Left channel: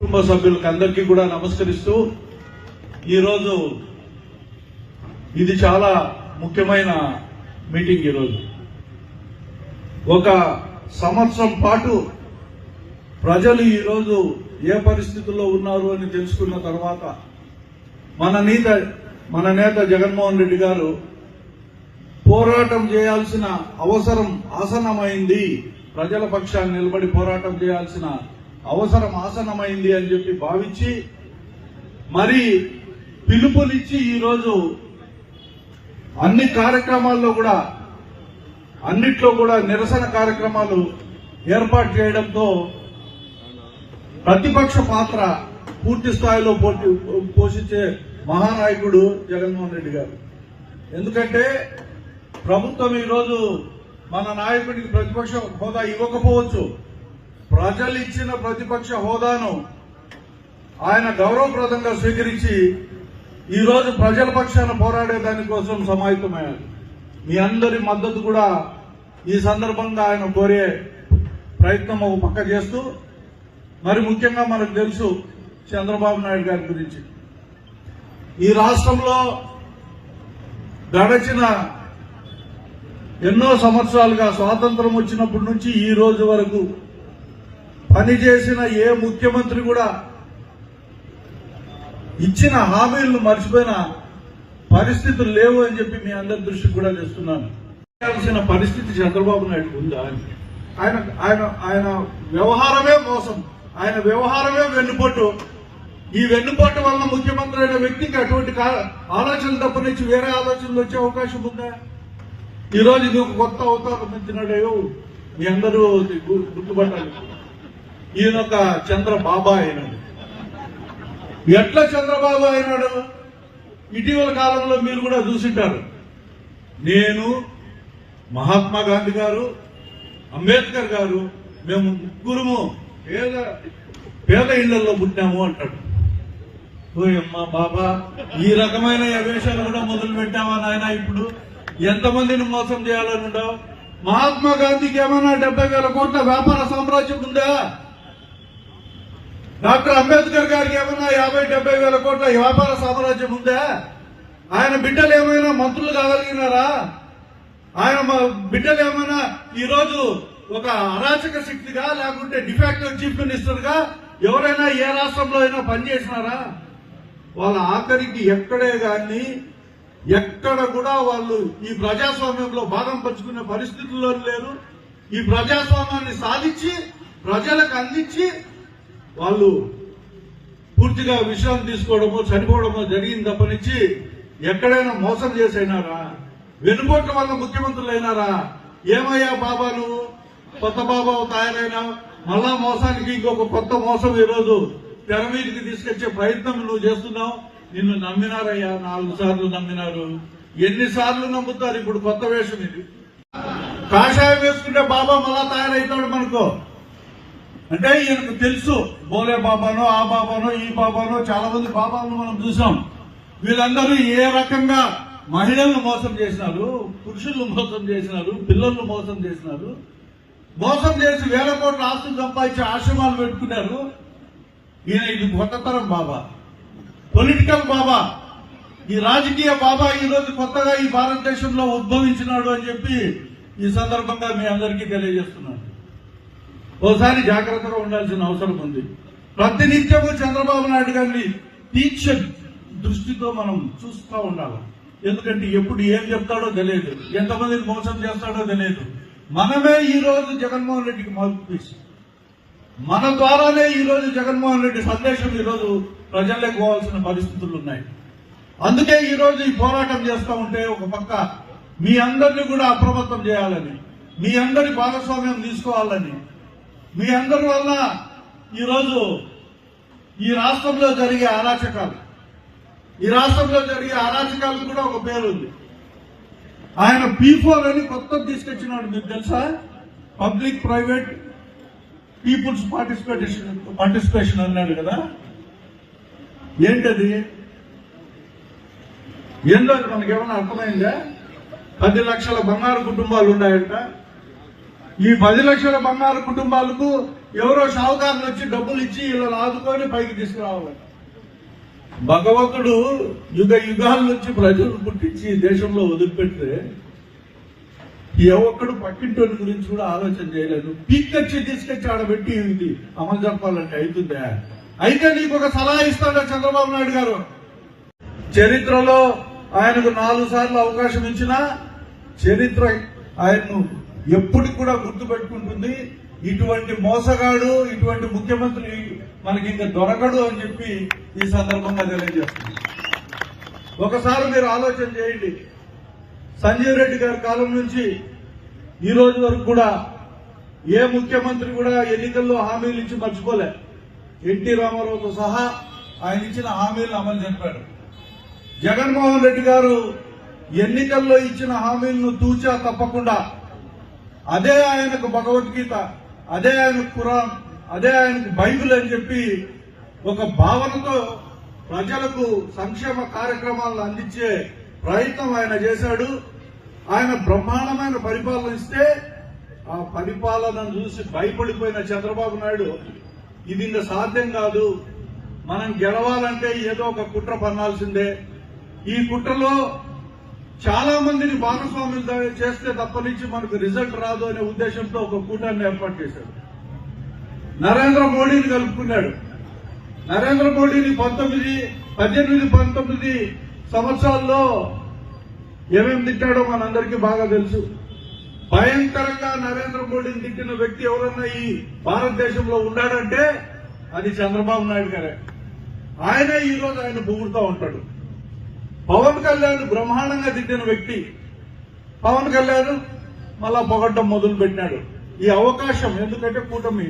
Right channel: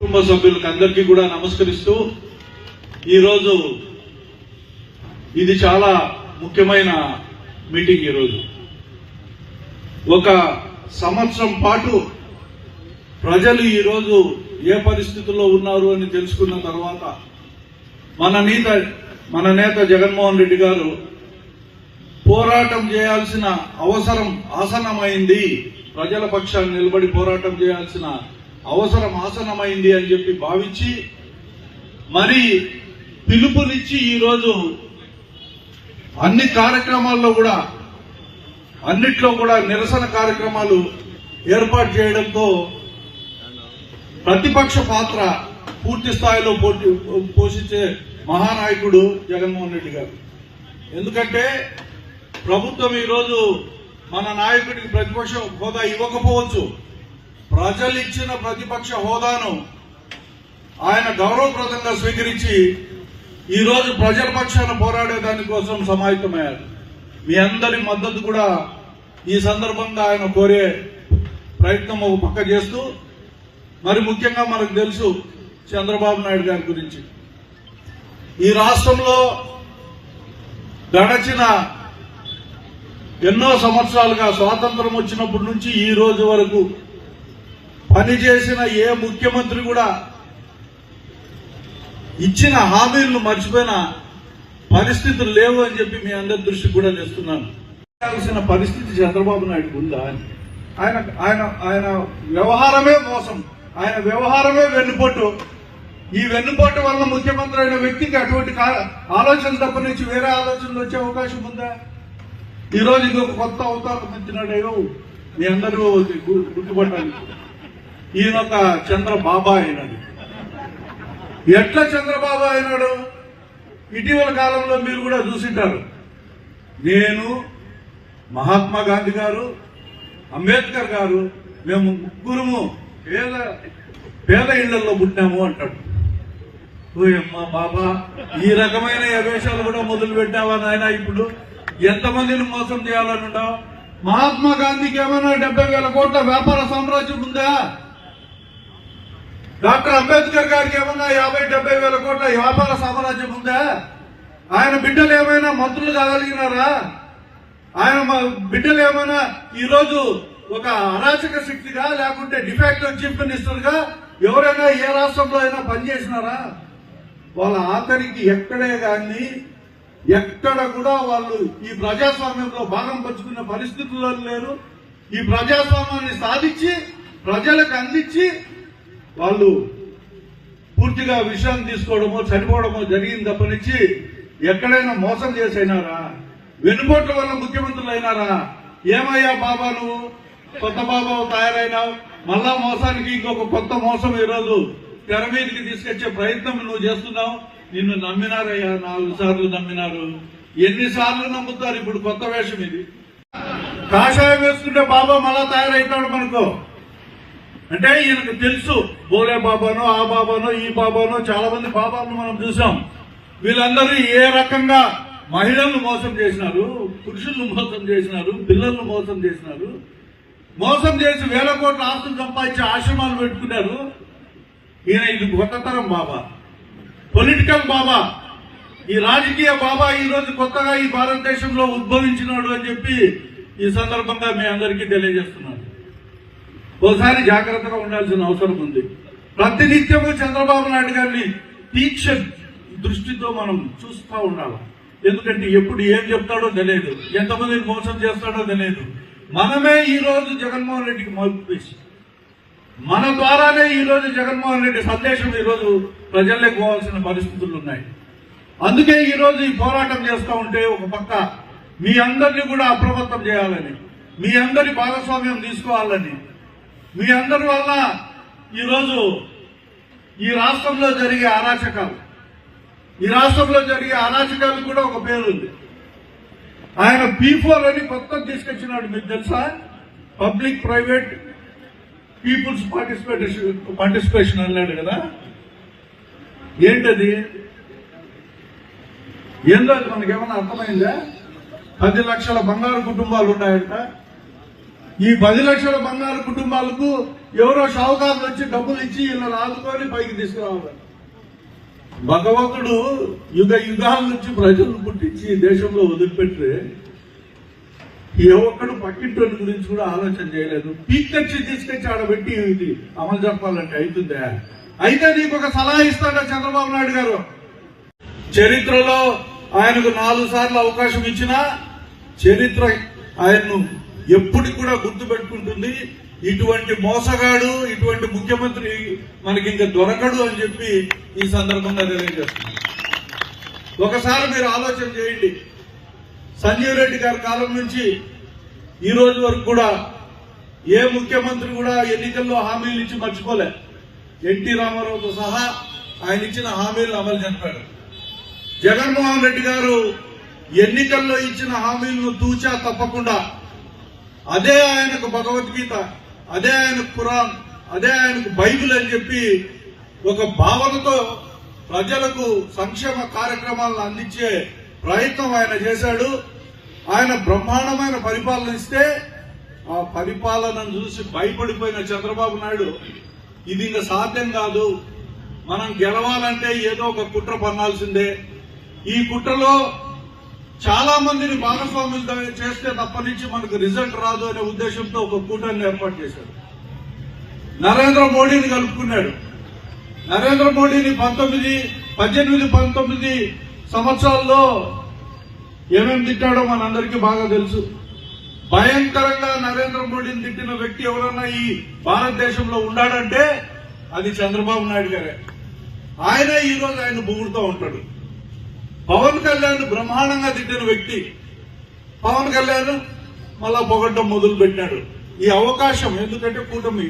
కుటుంబ సభ్యులకు అందరికీ కూడా నమస్కరిస్తూ ఈరోజు ఇది చాలా ముఖ్యమైన మీటింగ్ ఈరోజు. ఒక సంవత్సరం పాటు ప్రజలు ఈరోజు ఏ పరిస్థితుల్లో ఉన్నారు అని తెలుసుకున్న తర్వాత మన నేత మన నేత జగన్మోహన్ రెడ్డి గారు పోరాటం చేయాల్సిన అవసరం ఆసనమైంది ప్రజల పక్షాన్ని నిలబడి పోరాటం చేయాల్సిన అవసరం ఆసనమైంది అని చెప్పి భావించి మరి పిలుపునిచ్చి ఈరోజు అన్ని కార్యక్రమాల్లో కూడా అన్నిట్లో కూడా నిరసన కార్యక్రమాలు ఏర్పాటు చేయడంతో ప్రతిపక్ష పాత్ర పూర్తి స్థాయిలో పోటీ పోషించే మహానాయకుడు జగన్మోహన్ రెడ్డి గారు. ఎందుకంటే ప్రభుత్వం ఈరోజు మన నాయకుడికి ప్రతిపక్ష హోదా ఇవ్వకపోవచ్చు. ప్రజలు ఇచ్చిన ప్రతిపక్ష హోదాను ఆయన గౌరవప్రదంగా స్వీకరించి ఈ రోజు ప్రజల పక్షాన పోరాడే దానికోసం సమాహితమయ్యారు మీ అందరి మద్దతు కూడా ఈ సందర్భంగా ఆయన కోరే ప్రయత్నం ఒక పక్క చేస్తూ మరి ముఖ్యంగా మనకు తెలుసు చంద్రబాబు నాయుడు గారి గురించి. ఈ రాష్ట్రంలో గడచిన ఎన్నో సంవత్సరాలుగా స్వాతంత్రం వచ్చినప్పటి నుంచి ఈ రోజు వరకు పనిచేసిన ఏ ముఖ్యమంత్రి కూడా ఇచ్చిన హామీలను మర్చిపోయిన పరిస్థితులు లేవు అని చెప్పి మీ అందరి దృష్టి కూడా చేస్తున్నాను చేయాల్సిన పరిస్థితి చంద్రబాబు నాయుడు ఉందా అని. ఆయన ఆయన ఆయన వ్యవహారమే మోసం. ఆయన వ్యవహారమే వెన్నుపోటు. ఈ వెన్నుపోటు వల్ల ముఖ్యమంత్రి అయిన వ్యక్తికి అటువంటి ఆలోచనలు ఆలోచనలు తప్పనించి వేరే ఆలోచనలు వచ్చే అవకాశం ఉందా? ఈ రోజు ఇది ఒక కొత్త అవతారం పొందినాడేవో మీ అందరూ గుర్తుపట్టాలి. ఈయన ఒక చంద్రబాబా అయినాడు. ఎట్లా చంద్రబాబు అయినాడు? ఇటీవల కాలంలో మీరు కూడా చూసింటారు. నేను మహాత్మా గాంధీ గారు అంబేద్కర్ గారు మేము ముగ్గురము పేద పేద ఇళ్ళలో పుట్టాము అంటాడు. ఓయమ్మా బాబా ఈ రకమైన యవేశాలు కూడా మొదలు పెట్టావా నాయన ఇప్పుడు? ఎంతమందిని మోసం చేయాలని మహాత్మా గాంధీకి ఏమన్నా డెబ్బై వేల కోట్ల వ్యాపార సామ్రాజ్యం ఉందా? డాక్టర్ అంబేద్కర్ గారికి ఏమన్నా యాభై డెబ్బై వేల కోట్ల వ్యాపార సామ్రాజ్యం ఉందా? ఆయన బిడ్డలు ఏమైనా మంత్రులు కాగలిగినారా? ఆయన బిడ్డలు ఏమైనా ఈరోజు ఒక అరాచక శక్తిగా లేకుంటే డిఫెక్ట్ చీఫ్ మినిస్టర్గా ఎవరైనా ఏ రాష్ట్రంలో అయినా పనిచేసినారా వాళ్ళ ఆఖరికి ఎక్కడే కానీ ఎక్కడ కూడా వాళ్ళు ఈ ప్రజాస్వామ్యంలో భాగం పంచుకునే పరిస్థితుల్లో లేరు. ఈ ప్రజాస్వామ్యాన్ని సాధించి ప్రజలకు అందించి వాళ్ళు పూర్తిగా విషయాలు తీసుకోవడమో చనిపోవడమో జరిగింది తప్పనిచ్చి ఎక్కడైనా మోసం చేసైనారా? వెనుకోట్ల వల్ల ముఖ్యమంత్రులు అయినారా ఏమయ్యా బాబా నువ్వు? కొత్త బాబా తయారైనావు మళ్ళా మోసానికి ఇంకొక కొత్త మోసం ఈరోజు తెర మీదకి తీసుకొచ్చే ప్రయత్నం నువ్వు చేస్తున్నావు? నిన్ను నమ్మినారయ్యా నాలుగు సార్లు నమ్మినారు. ఎన్నిసార్లు నమ్ముతారు ఇప్పుడు కొత్త వేషం ఇది? కాషాయం వేసుకుంటే బాబా మళ్ళా తయారైతాడు మనకు. అంటే ఈయనకు తెలుసు బోలే బాబానో ఆ బాబానో ఈ బాబానో చాలా మంది బాబాలను మనం చూసాం. వీళ్ళందరూ ఏ రకంగా మహిళలను మోసం చేసినారు పురుషులను మోసం చేసినారు పిల్లలను మోసం చేసినారు మోసం చేసి వేల కోట్ల ఆస్తులు సంపాదించి ఆశ్రమాలు పెట్టుకున్నారు. ఈయన ఇది కొత్త తరం బాబా. పొలిటికల్ బాబా. ఈ రాజకీయ బాబా ఈ రోజు కొత్తగా ఈ భారతదేశంలో ఉద్భవించినాడు అని చెప్పి ఈ సందర్భంగా మీ అందరికీ తెలియజేస్తున్నాను ఒకసారి జాగ్రత్తగా ఉండాల్సిన అవసరం ఉంది. ప్రతినిత్యము చంద్రబాబు నాయుడు గారిని తీక్ష దృష్టితో మనం చూస్తూ ఉండాలి. ఎందుకంటే ఎప్పుడు ఏం చెప్తాడో తెలియదు. ఎంతమందిని మోసం చేస్తాడో తెలియదు. మనమే ఈ రోజు జగన్మోహన్ రెడ్డికి మద్దతు మన ద్వారానే ఈ రోజు జగన్మోహన్ రెడ్డి సందేశం ఈ రోజు ప్రజల్లోకి పోవాల్సిన పరిస్థితులు ఉన్నాయి. అందుకే ఈ రోజు ఈ పోరాటం చేస్తూ ఉంటే ఒక పక్క మీ అందరినీ కూడా అప్రమత్తం చేయాలని మీ అందరి భాగస్వామ్యం తీసుకోవాలని మీ అందరి వల్ల ఈరోజు ఈ రాష్ట్రంలో జరిగే అరాచకాలు. ఈ రాష్ట్రంలో జరిగే అరాచకాలకు కూడా ఒక పేరు ఉంది. ఆయన పీఫోర్ అని కొత్త తీసుకొచ్చినాడు మీకు తెలుసా? Public private people's participation participation అన్నాడు కదా. ఏంటది? ఏందో అది మనకేమైనా అర్థమైందా? పది లక్షల బంగారు కుటుంబాలు ఉన్నాయంట. ఈ పది లక్షల బంగారు కుటుంబాలకు ఎవరో షావుకారులు వచ్చి డబ్బులు ఇచ్చి వీళ్ళని ఆదుకొని పైకి తీసుకురావాలట భగవంతుడు యుగ యుగాల నుంచి ప్రజలను పుట్టించి దేశంలో వదిలిపెట్టే ఏ ఒక్కడు పక్కింటి గురించి కూడా ఆలోచన చేయలేదు. పీకచ్చి తీసుకొచ్చి ఆడబెట్టి ఇది అమలు జరపాలంటే అవుతుందా? అయితే నీకు ఒక సలహా ఇస్తాడా చంద్రబాబు నాయుడు గారు? చరిత్రలో ఆయనకు నాలుగు సార్లు అవకాశం ఇచ్చినా చరిత్ర ఆయన్ను ఎప్పుడు కూడా గుర్తు పెట్టుకుంటుంది ఇటువంటి మోసగాడు ఇటువంటి ముఖ్యమంత్రి మనకి ఇంకా దొరకడు అని చెప్పి ఈ సందర్భంగా తెలియజేస్తుంది ఒకసారి మీరు ఆలోచన చేయండి. సంజీవ్ రెడ్డి గారి కాలం నుంచి ఈ రోజు వరకు కూడా ఏ ముఖ్యమంత్రి కూడా ఎన్నికల్లో హామీలు ఇచ్చి మర్చిపోలే. ఎన్టీ రామారావుతో సహా ఆయన ఇచ్చిన హామీలను అమలు జరిపాడు జగన్మోహన్ రెడ్డి గారు ఎన్నికల్లో ఇచ్చిన హామీలను తూచా తప్పకుండా అదే ఆయనకు భగవద్గీత అదే ఆయనకు ఖురాన్ అదే ఆయనకు బైబిల్ అని చెప్పి ఒక భావనతో ప్రజలకు సంక్షేమ కార్యక్రమాలను అందించే ప్రయత్నం ఆయన చేశాడు. ఆయన బ్రహ్మాండమైన పరిపాలన ఇస్తే ఆ పరిపాలనను చూసి భయపడిపోయిన చంద్రబాబు నాయుడు ఇది ఇంకా సాధ్యం కాదు. మనం గెలవాలంటే ఏదో ఒక కుట్ర పన్నాల్సిందే. ఈ కుట్రలో చాలా మందిని భాగస్వాములు చేస్తే తప్పనించి మనకు రిజల్ట్ రాదు అనే ఉద్దేశంతో ఒక కూటాన్ని ఏర్పాటు చేశాడు. నరేంద్ర మోడీని కలుపుకున్నాడు. నరేంద్ర మోడీని పంతొమ్మిది పద్దెనిమిది పంతొమ్మిది సంవత్సరాల్లో ఏమేమి తిట్టాడో మనందరికీ బాగా తెలుసు. భయంకరంగా నరేంద్ర మోడీని తిట్టిన వ్యక్తి ఎవరన్నా ఈ భారతదేశంలో ఉన్నాడంటే అది చంద్రబాబు నాయుడు గారే. ఆయన ఈ రోజు ఆయన పొగుడుతూ ఉంటాడు. పవన్ కళ్యాణ్ బ్రహ్మాండంగా తిట్టిన వ్యక్తి. పవన్ కళ్యాణ్ మళ్ళా పొగడ్డం మొదలు పెట్టినాడు ఈ అవకాశం ఎందుకంటే కూటమి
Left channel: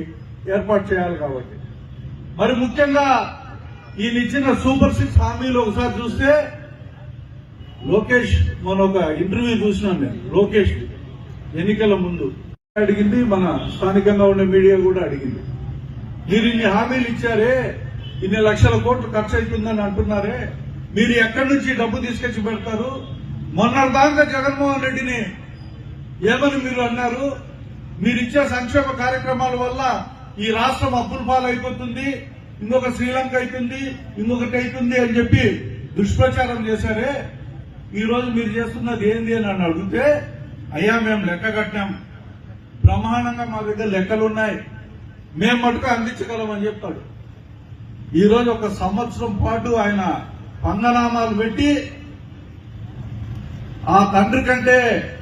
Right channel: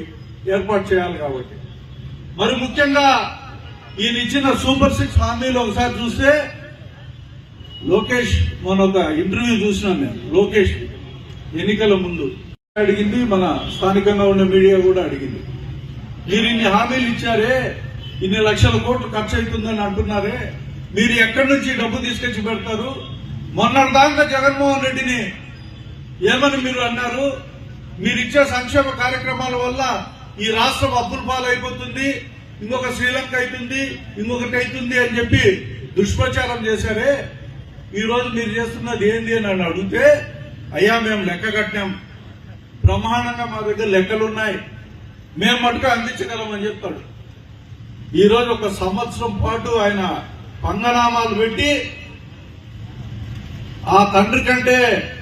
ఏర్పాటు చేయాలి కాబట్టి. మరి ముఖ్యంగా ఈయన ఇచ్చిన సూపర్ సిక్స్ హామీలు ఒకసారి చూస్తే లోకేష్ మన ఒక ఇంటర్వ్యూ చూసినాను నేను లోకేష్ ఎన్నికల ముందు అడిగింది మన స్థానికంగా ఉన్న మీడియా కూడా అడిగింది. మీరు ఇన్ని హామీలు ఇచ్చారే ఇన్ని లక్షల కోట్లు ఖర్చు అవుతుందని అంటున్నారే మీరు ఎక్కడి నుంచి డబ్బు తీసుకొచ్చి పెడతారు? మొన్నటిదాకా జగన్మోహన్ రెడ్డిని ఏమని మీరు అన్నారు? మీరు ఇచ్చే సంక్షేమ కార్యక్రమాల వల్ల ఈ రాష్ట్రం అప్పుల పాలైపోతుంది ఇంకొక శ్రీలంక అవుతుంది ఇంకొకటి అవుతుంది అని చెప్పి దుష్ప్రచారం చేశారే? ఈ రోజు మీరు చేస్తున్నది ఏంది అని నన్ను అడిగితే అయ్యా మేము లెక్క కట్టాం. ప్రమాణంగా మా దగ్గర లెక్కలు ఉన్నాయి మేము మటుకు అందించగలమని చెప్తాడు. ఈరోజు ఒక సంవత్సరం పాటు ఆయన పంగనామాలు పెట్టి ఆ తండ్రి కంటే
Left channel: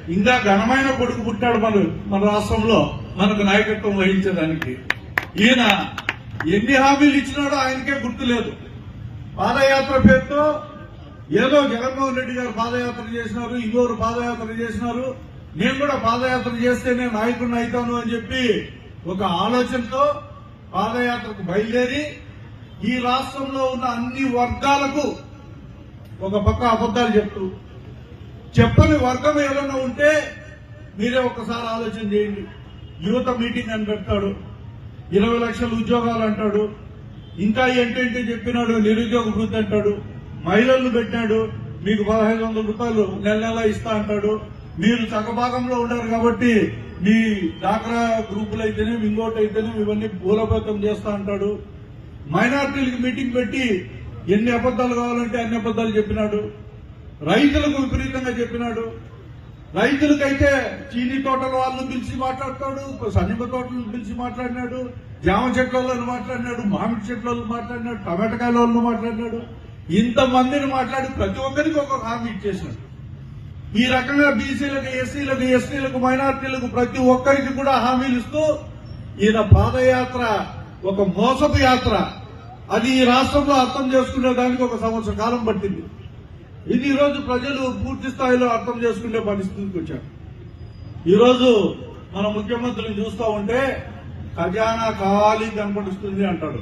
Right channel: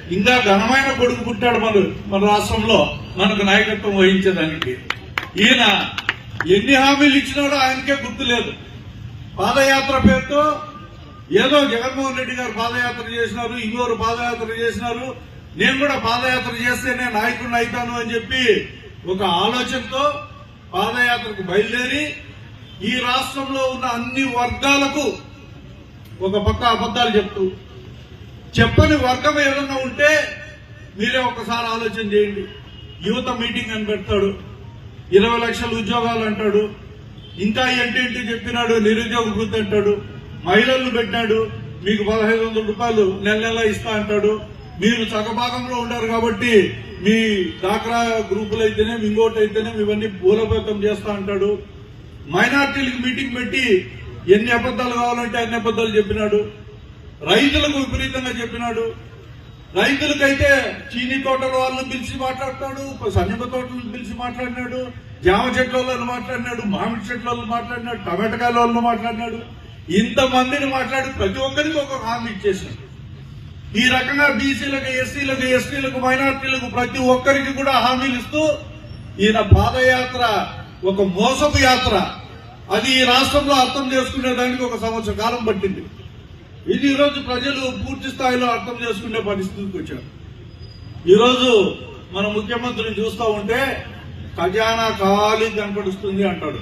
ఇంకా ఘనమైన కొడుకు పుట్టాడు మన మన రాష్ట్రంలో మనకు నాయకత్వం వహించడానికి ఈయన ఎన్ని హామీలు ఇచ్చినాడో ఆయనకే గుర్తు లేదు. పాదయాత్ర పేరుతో ఏదో జగన్మోహన్ రెడ్డి గారు పాదయాత్ర చేసినారు ఇంకోరు పాదయాత్ర చేసినారు. నేను కూడా పాదయాత్ర చేస్తేనే నాయకుడిని అవుతాను అని చెప్పి ఒక ఆలోచనతో పాదయాత్రకు బయలుదేరి ఈ రాష్ట్రంలో ఉన్న అన్ని వర్గాలకు ఒక పక్క అబద్ధాలు చెప్తూ. చెప్పని వర్గం ఏదన్నా ఉంటే మీరే ఒకసారి ఆలోచన చేయండి. యువత మీటింగ్ అని పెడతాడు. ఇరవై లక్షల ఉద్యోగాలు అంటాడు. ఇంకా ఏంటేంటి చెప్పినాడు? నిరుద్యోగ గుర్తు అంటాడు. మహిళలు పెట్టినాడు. మీకు పదహైదు వందల రూపాయలు నెల నెల ఇస్తా అంటాడు. మీరు సగభాగంలో ఉన్నారు కాబట్టి మీ డాక్రా గ్రూపులు అయితేనే ఇంకోటి అయితేనే ఇవన్నీ బూలపేతం చేస్తా అంటాడు. మైనార్టీలకు మీటింగ్ పెట్టి ఎన్ని అబద్ధాలు కావాలంటే అన్ని అబద్ధాలు చెప్పినాడు. రైతులకు విపరీతంగా చెప్పినాడు. రైతులకైతే చీనీ తోటల వాళ్ళని పిలిచి మాట్లాడతాడు సన్నిమ తోటలను పిలిచి మాట్లాడినాడు జామ చెట్ల వాళ్ళని మాట్లాడినాడు మామిడి చెట్ల వాళ్ళు మాట్లాడినాడు టమాటకాయల వాళ్ళని మాట్లాడినాడు. ఇంతమందిని మాట్లాడి ప్రతి ఒక్కరికి ఒక హామీ ఇచ్చేసినాడు ఈ రకంగా బీసీలకు ఎస్సీలకు ఎస్టీలకు మైనార్టీలకు ప్రతి ఒక్కరికి కూడా హామీలు ఇస్తూ ఈయన పాదయాత్ర ఒక మోసపు యాత్ర. అది ఈ రాష్ట్రంలో అర్థం చేసుకునే దానికి ఒక సంవత్సర కాలం పట్టింది. ఇది ఈరోజు ప్రజలు పూర్తి స్థాయిలో అర్థం చేసుకునే పరిస్థితికి వచ్చారు. ఈరోజు మన ముఖ్యమంత్రిని చూస్తా ఉంటే ఖజానా ఖాళీ కనపడుస్తుంది అంటాడు.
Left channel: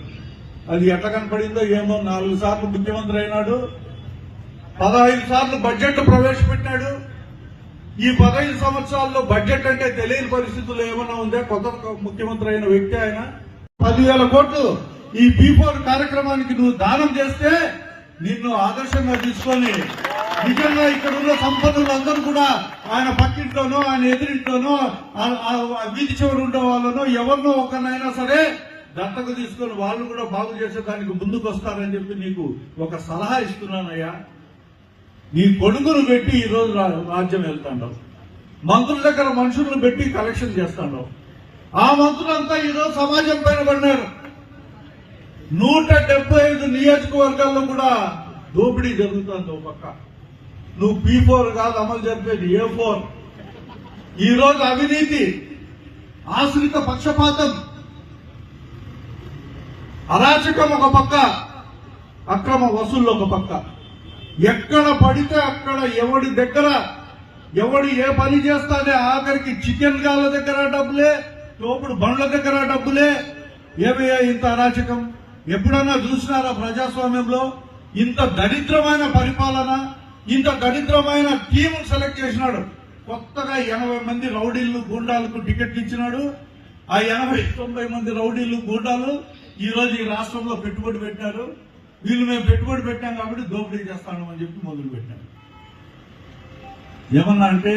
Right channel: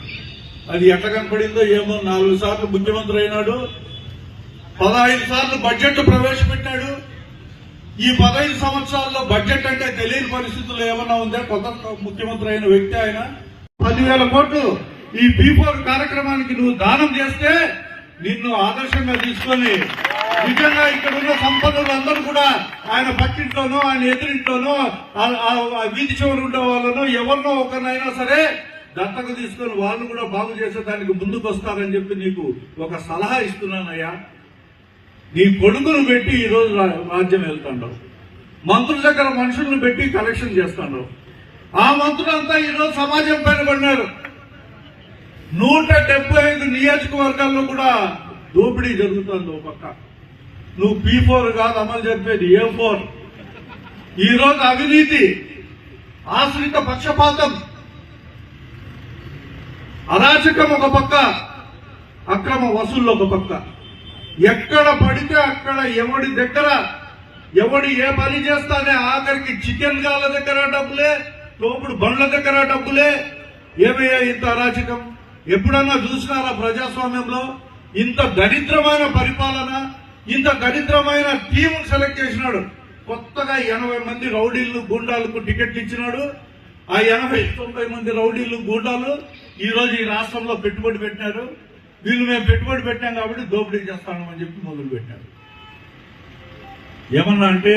అది ఎట్లా కనపడిందో ఏమో నాలుగు సార్లు ముఖ్యమంత్రి అయినాడు పదహైదు సార్లు బడ్జెట్ ప్రవేశపెట్టాడు. ఈ పదహైదు సంవత్సరాల్లో బడ్జెట్ అంటే తెలియని పరిస్థితుల్లో ఏమన్నా ఉందా? కొత్త ముఖ్యమంత్రి అయిన వ్యక్తి ఆయన పదివేల కోట్లు ఈ బీఫోర్ కార్యక్రమానికి నువ్వు దానం చేస్తే నిన్ను ఆదర్శంగా తీసుకొని నిజంగా ఇక్కడ ఉన్న సంపన్నులు అందరూ కూడా ఆయన పక్కింట్లోనో ఆయన ఎదురింట్లోనూ వీధి చివరి ఉండే వాళ్ళను ఎవరినో ఒకరినైనా సరే దత్తకు తీసుకొని వాళ్ళు కూడా బాగు చేసేదానికి ముందుకు వస్తారని చెప్పి నీకు ఒక సలహా ఇస్తున్నానయ్యా. నీ కొడుకును పెట్టి ఈరోజు రా- రాజ్యం వెళ్తాడు మంత్రుల దగ్గర మనుషుల్ని పెట్టి కలెక్షన్ చేస్తాడు ఆ మంత్రులంతా ఈరోజు సమాజం పైన పడినారు. నూట డెబ్బై ఐదు నియోజకవర్గాల్లో కూడా దోపిడీ జరుగుతుంది ఒక పక్క. నువ్వు పీ ఫోర్ కాదు అమలు చెప్పేది ఏ ఫోర్. ఈ రోజు అవినీతి ఆశ్రిత పక్షపాతం అరాచకం ఒక పక్క అక్రమ వసూళ్ళు ఒక పక్క. ఎక్కడ పడితే అక్కడ ఎవడి దగ్గర ఎవడు ఏ పని చేస్తానే ఆఖరికి చికెన్ గాళ్ళ దగ్గర డబ్బులే తోపుడు బండ్ల దగ్గర డబ్బులే. ఏమయ్యా ఇంత అరాచకం? ఎప్పుడన్నా చూసినారా ప్రజాస్వామ్యంలో? ఇంత దరిద్రమైన పరిపాలన ఇంత దరిద్రమైన టీం సెలెక్ట్ చేసినాడు. కొత్తగా ఎనభై మంది రౌడీలు గూండాలకు టికెట్లు ఇచ్చినాడు. ఆ ఎనభై తొంభై మంది రౌడీలు గూండాలు ఈరోజు ఈ రాష్ట్రంలో పెట్టుబడి పెట్టారు వీళ్ళు మేము పెట్టుబడి పెట్టాం కాబట్టి దోపిడీ చేస్తామని చెప్పి మొదలు పెట్టారు. ఏమన్నా అంటే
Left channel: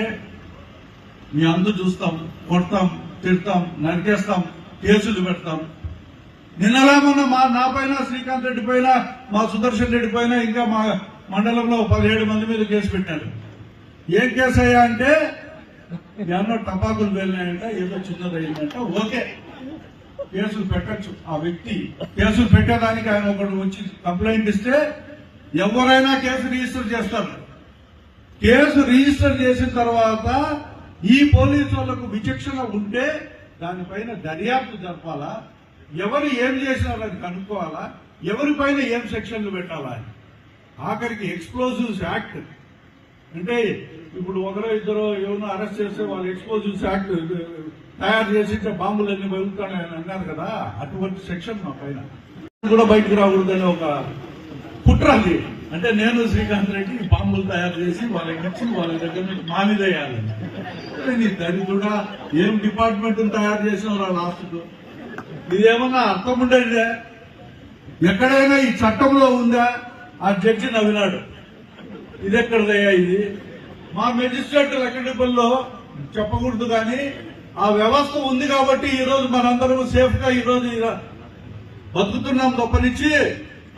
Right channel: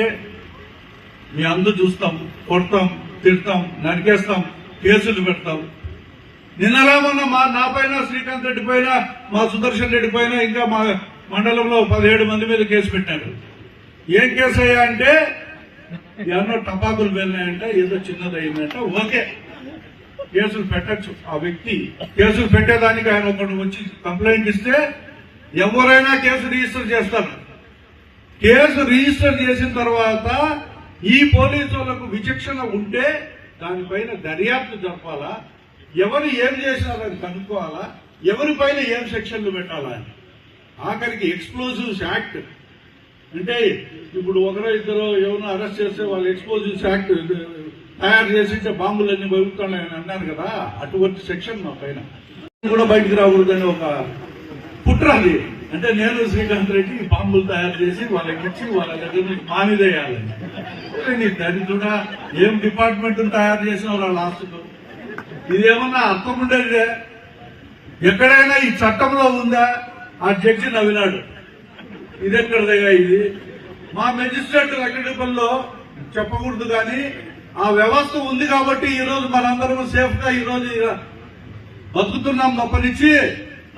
మీ అందరు చూస్తాం కొడతాం తిడతాం నరికేస్తాం కేసులు పెడతాం. నిన్నలా మొన్న మా నా పైన శ్రీకాంత్ రెడ్డి పైన మా సుదర్శన్ రెడ్డి పైన ఇంకా మా మండలంలో పదిహేడు మంది మీద కేసు పెట్టారు. ఏం కేసు అయ్యా అంటే ఎన్నో టపాకులు వెళ్ళినాయంటే ఏదో చిన్నదయ్యిందంట. ఓకే. కేసులు పెట్టచ్చు. ఆ వ్యక్తి కేసులు పెట్టేదానికి ఆయన ఒకటి వచ్చి కంప్లైంట్ ఇస్తే ఎవరైనా కేసు రిజిస్టర్ చేస్తారు. కేసు రిజిస్టర్ చేసిన తర్వాత ఈ పోలీసు వాళ్ళకు విచక్షణ ఉంటే దానిపైన దర్యాప్తు జరపాలా? ఎవరు ఏం చేసినారని కనుక్కోవాలా ఎవరిపైన ఏం సెక్షన్లు పెట్టాలా? అని ఆఖరికి ఎక్స్ప్లోజివ్స్ యాక్ట్. అంటే ఇప్పుడు ఒకరో ఇద్దరు ఎవరినో అరెస్ట్ చేస్తే వాళ్ళు ఎక్స్ప్లోజివ్స్ యాక్ట్ తయారు చేసి ఇచ్చే బాంబులన్నీ వెలుగుతున్నాయని అన్నారు కదా అటువంటి సెక్షన్ మా పైన. కూడా బయటకు రాకూడదని ఒక కుట్రంది అంటే నేను శ్రీకాంత్ రెడ్డి బాంబులు తయారు చేసి వాళ్ళకి ఇచ్చి వాళ్ళ దగ్గర నుంచి మానిదేయాలని నీ దరిద్రుడా ఏం డిపార్ట్మెంట్ తయారు చేసిన లాస్ట్కు ఇదేమన్నా అర్థం ఉండేదే ఎక్కడైనా ఈ చట్టంలో ఉందా? ఆ జడ్జి నవ్వినాడు. ఇది ఎక్కడదయ్యా ఇది? మా మెజిస్ట్రేట్ వెంకటపల్లిలో చెప్పకూడదు కానీ ఆ వ్యవస్థ ఉంది కాబట్టి ఈ రోజు మనందరం సేఫ్గా ఈ రోజు బతుకుతున్నాం తప్పనిచ్చి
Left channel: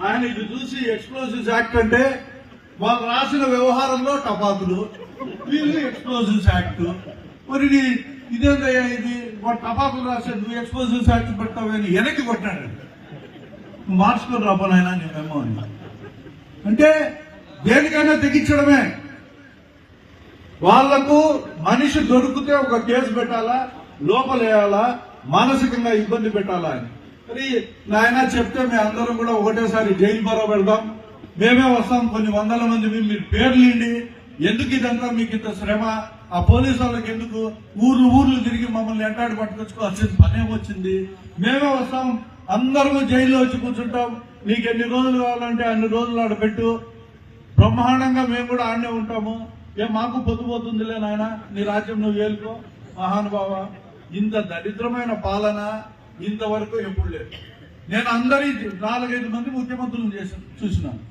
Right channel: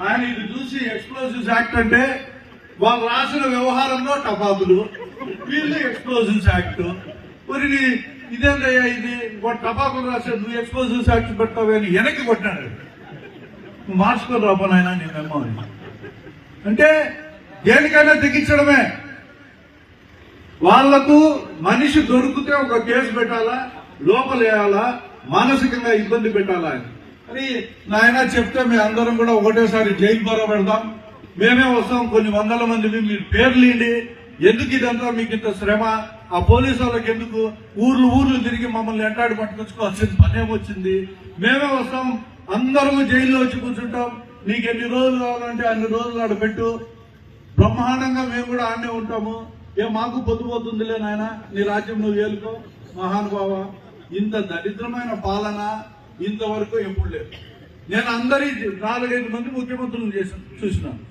ఆయన ఇది చూసి ఎక్స్ప్లోజివ్స్ యాక్ట్ అంటే వాళ్ళు రాసిన వ్యవహారంలో టపాతులు వీళ్ళు ఎక్స్ప్లోజివ్స్ యాక్ట్ మరి ఇదేందయ్యా ఇది? వాడు టపాకులు రాసే నువ్వు ఎక్స్పోజివ్ సాక్షి పెట్టావు అని వెనక్కి కొట్టాడు నువ్వు మార్చుకొని రాబోనాయన నేను అని. అంటే దేనికైనా తెగించడమే. వాళ్ళకు మనిషి దొరికితే ఒక కేసు పెట్టాలా లోపలేయాలా మానసికంగా ఇబ్బంది పెట్టాలా అని. మరి నాయన చెప్తే మీ అందరం కూడా ఒకటేసారి జైలు ద్వారా పెడదాం మేమే వస్తాం కొన్ని వందల మంది మీరు పేర్లు ఇండి ఎందుకు ఇదంతా మీకు ఇంత శ్రమ? ఆ పోలీసు వాళ్ళకి ఎందుకు? ఊర్లు ఊర్లు తిరిగి మమ్మల్ని ఎంటాడి పట్టుకొచ్చుకోవాల్సిన పని ఏమొచ్చింది? మేమే వస్తాం. అందరము జైల్లో వచ్చి కూర్చుంటాం. నీకు ఎన్ని రోజులు కావాలంటే అన్ని రోజులు ఆడ పెట్టు. బ్రహ్మాండంగా మేము కూడా ఆడనే ఉంటాము. ఏ మాకు పొద్దుపోతుందిలే నాయన. నీ రాజ్యం నువ్వు ఏలుకో. మహానుభావ ఇంత దరిద్రమైన పాలన ఇంతవరకు ఎప్పుడు లేదు. నేను అందరి నాలుగైదు మంది ముఖ్యమంత్రులు చేశాను చూసినాను.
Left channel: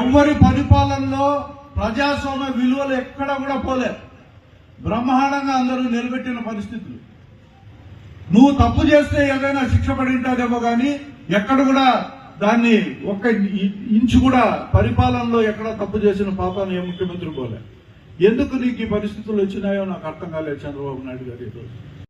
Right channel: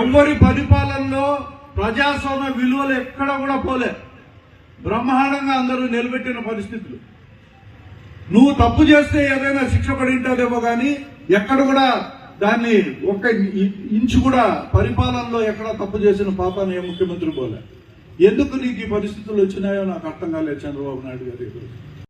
ఎవరి పరిపాలనలో ప్రజాస్వామ్య విలువలు ఎక్కడ కూడా పోలే. బ్రహ్మాండంగా అందరూ నిలబెట్టిన పరిస్థితులు. నువ్వు తప్పు చేస్తే ఏదైనా శిక్ష పడి ఉంటాదేమో కానీ ఎక్కడ కూడా దాన్ని ఒక్క ఇంచు కూడా పరిపాలనలో ఎక్కడ తప్పు చేసిన పాపం ఏ ముఖ్యమంత్రి పోలే. ఎందుకు నీకు ఈ పరిస్థితులు వచ్చినాయో నాకు అర్థం కాలేదు చంద్రబాబు నాయుడు గారు ఈరోజు